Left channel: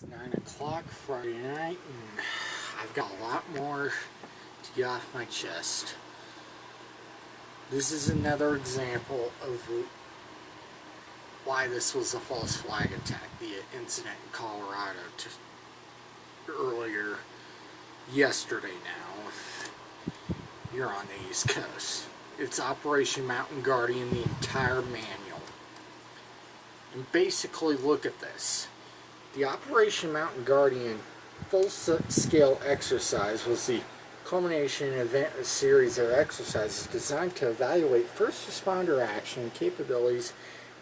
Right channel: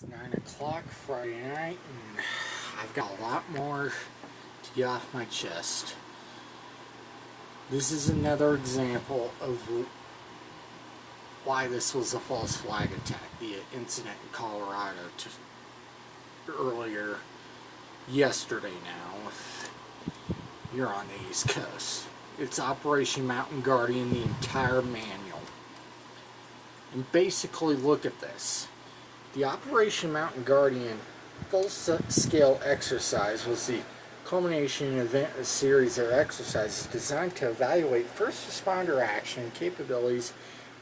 It's 9 o'clock Friday night, and I've got a lot more to get off my chest. This is another example of why this was a false flag attack. The incident in Colorado earlier yesterday now. You're on the East Coast. It's Operation Mountain Guardian, the entire manual. And basically, look at this. The Operation Mountain Guardian full-scale exercise was the culmination event of a series of exercises designed to evaluate first responder action and capabilities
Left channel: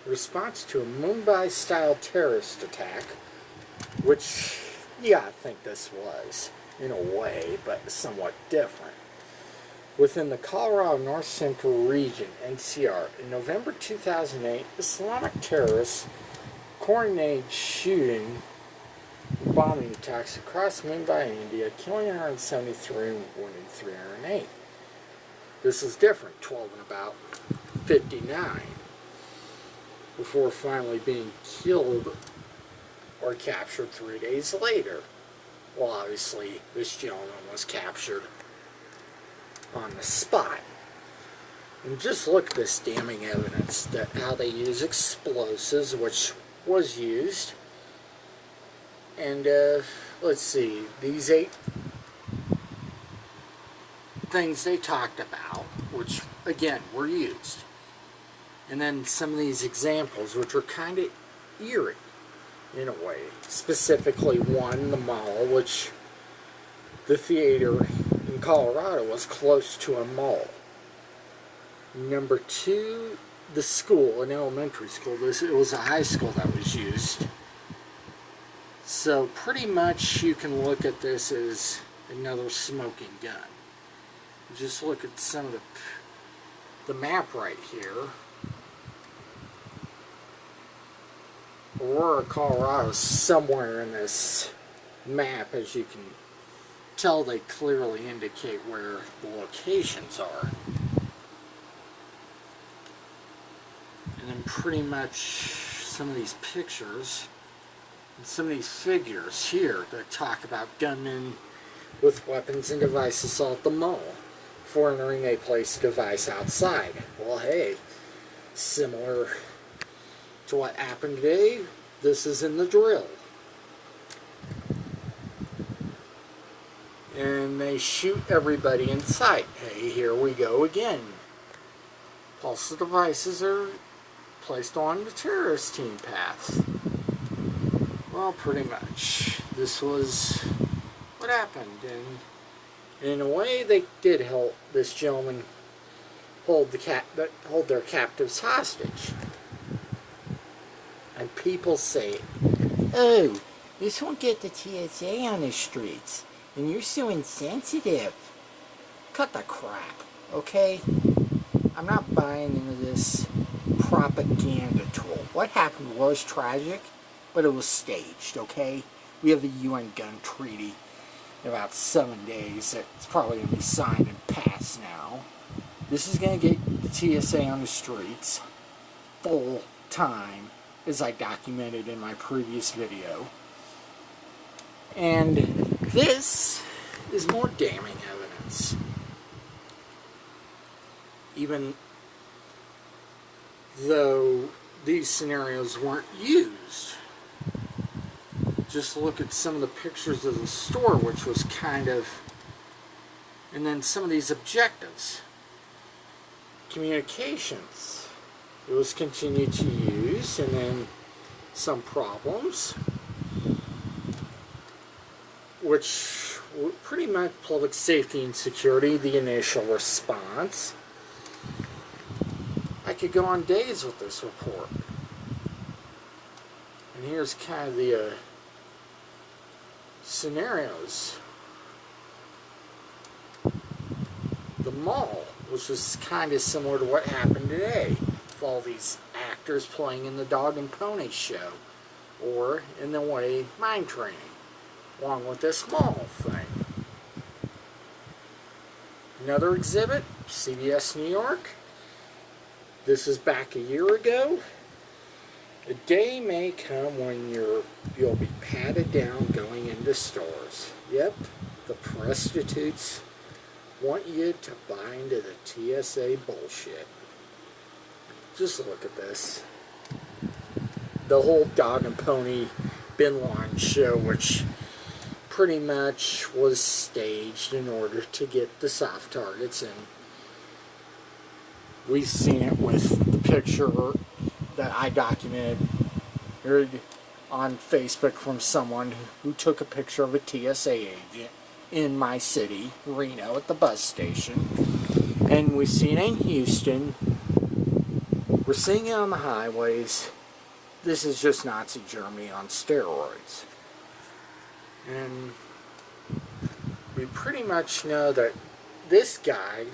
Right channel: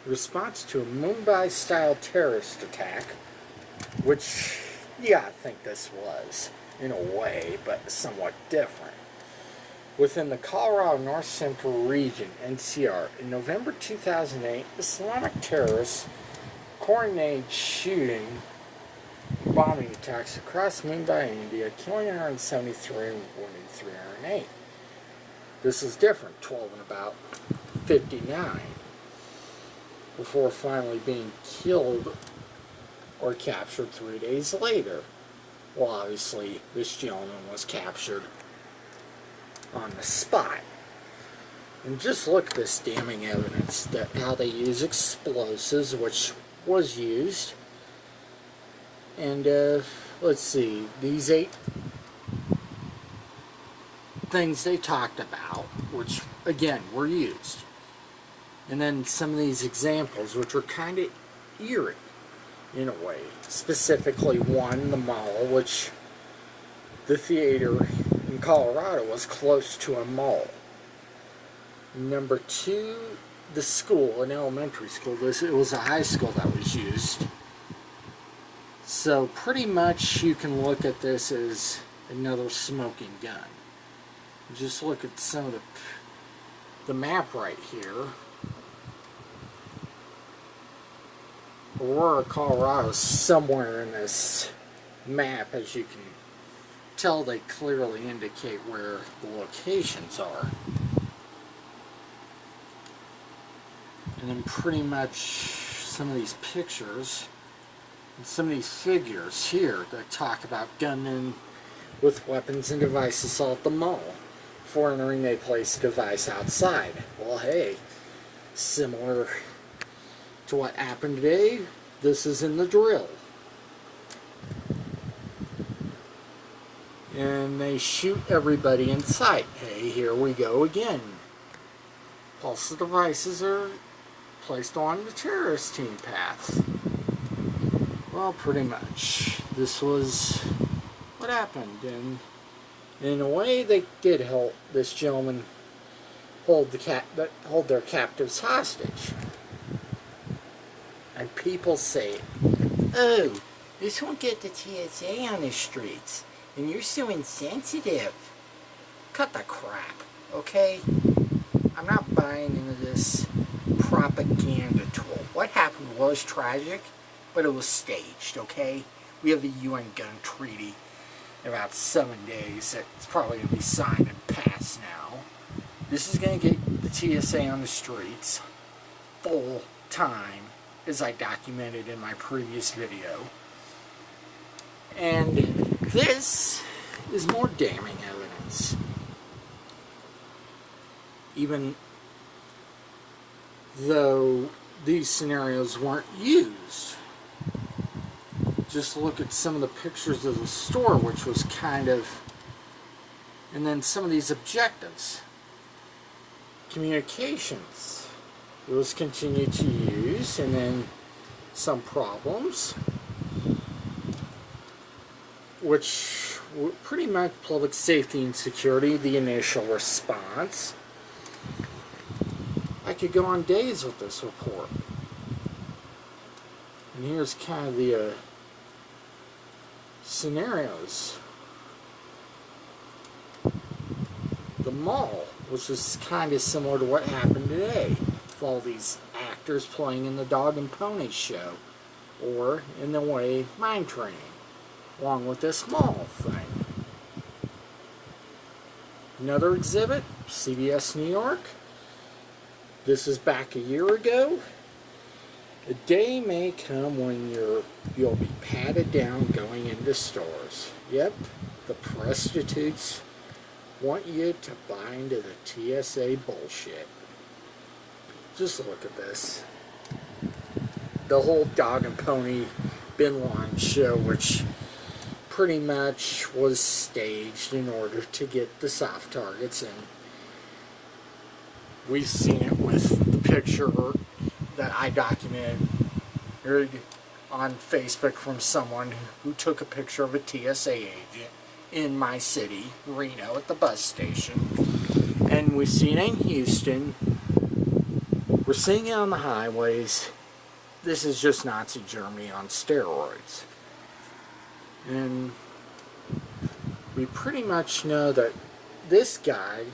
in response to a Mumbai-style terrorist attack, which, yeah, I think this was, in a way, but somewhat different. Within the Colorado North Central region, NCR, in November 2008, Islamic terrorists coordinated shooting and bombing attacks across Mumbai, India, killing 173 and wounding 308. This is different, 12 and about 59, before finally being killed or captured 3 days later. Well, obviously, this gentleman was captured on the spot. And just look at this damning evidence, that how they use explosives, which was used. And let's see, these 8 things they talked about, which again were used. And then some of these examples, which are kind of eerie in a way. Specifically, one, the mall, which the theater in Colorado was close to a mall. Number 2, the school, an elementary school. It was a high school that was used. So pretty much you can look at this as another smoking gun. Just look at some of the map right here. Aurora, Colorado is somewhere in this map. As you can tell, they clearly indicate where the locations are. And then pretty much some of these pictures and some of these figures here that talk about gunmen with weapons and devices assault the mall. Before entering, they place a device outside. Well, hey, similar to what happened today, this is in the drill. And they shoot everybody in sight. Hey, here we go again. Pulse devices are placed on the terrorist team path. Well, pretty much. This was what happened. And in a way, they did help this gentleman hold their captives hostage. And people say, oh, this won't get the TSA on the streets. And you're so insensitive. Cut the crap, okay? I'm not buying into this propaganda tool. What happened was tragic, but it was staged, okay? We have the UN gun treaty in about 7 days that's probably going to be signed and passed now. This is going to get the TSA on the streets full time, as I documented in my previous video. And this is more damning evidence. Even though these scenarios weren't used. Just look at some of the pictures of the store, which was kind of... And then some of these objectives. Communications. It was continued to use, and then some problems, which were pretty much public safety and security, the initial response. I could go on days with this report. And here's kind of the scenarios. The mall, which is kind of similar to what happened today, with all these actors playing in the Dog and Pony show, or in the way mind training, along with this mall thing. Another exhibit, CBS New York. This is back a year ago. A day may come when your You'll be patted down going into stores. Yep, the prostitutes want you to buy into the TSA bullshit. Just look at this. The whole dog and pony Bin Laden show, which pretty much was staged in order to get the soft targets in. We've seen it with the picture that I documented on Facebook from someone who took a picture of a TSA agent in my city, Reno, at the bus station. And we've seen it in Houston. We're seeing it on the highways. This is just Nazi Germany on steroids. And we pretty much know that this guy,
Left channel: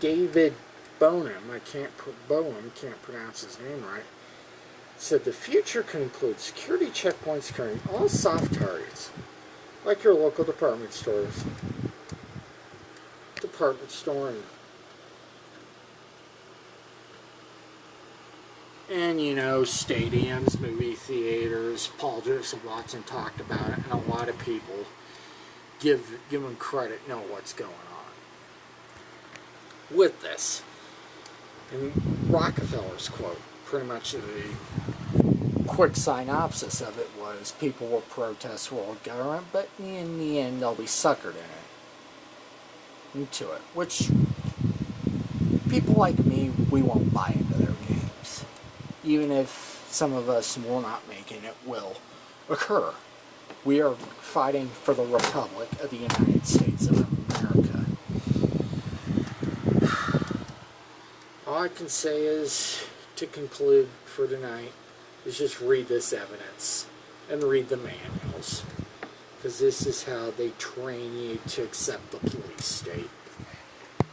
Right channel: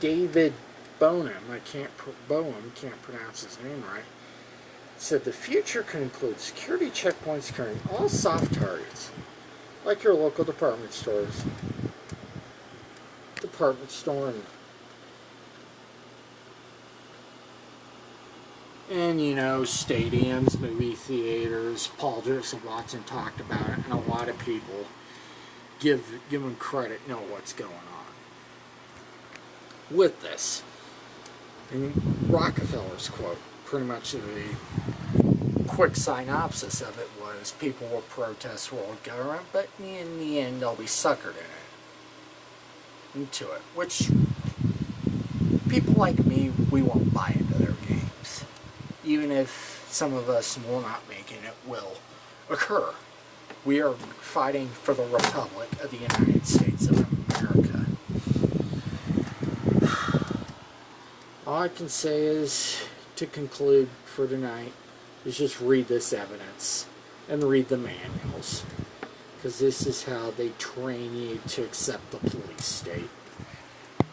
David Bonham, can't pronounce his name right, said the future could include security checkpoints carrying all soft targets, like your local department store, and you know, stadiums, movie theaters. Paul Joseph Watson talked about it, and a lot of people give him credit, know what's going on with this. And Rockefeller's quote, pretty much the quick synopsis of it was, people will protest world government, but in the end they'll be suckered into it, which people like me, we won't buy into their games. Even if some of us will not make it, it will occur. We are fighting for the Republic of the United States of America. All I can say is, to conclude for tonight, is just read this evidence and read the manuals, because this is how they train you to accept the police state.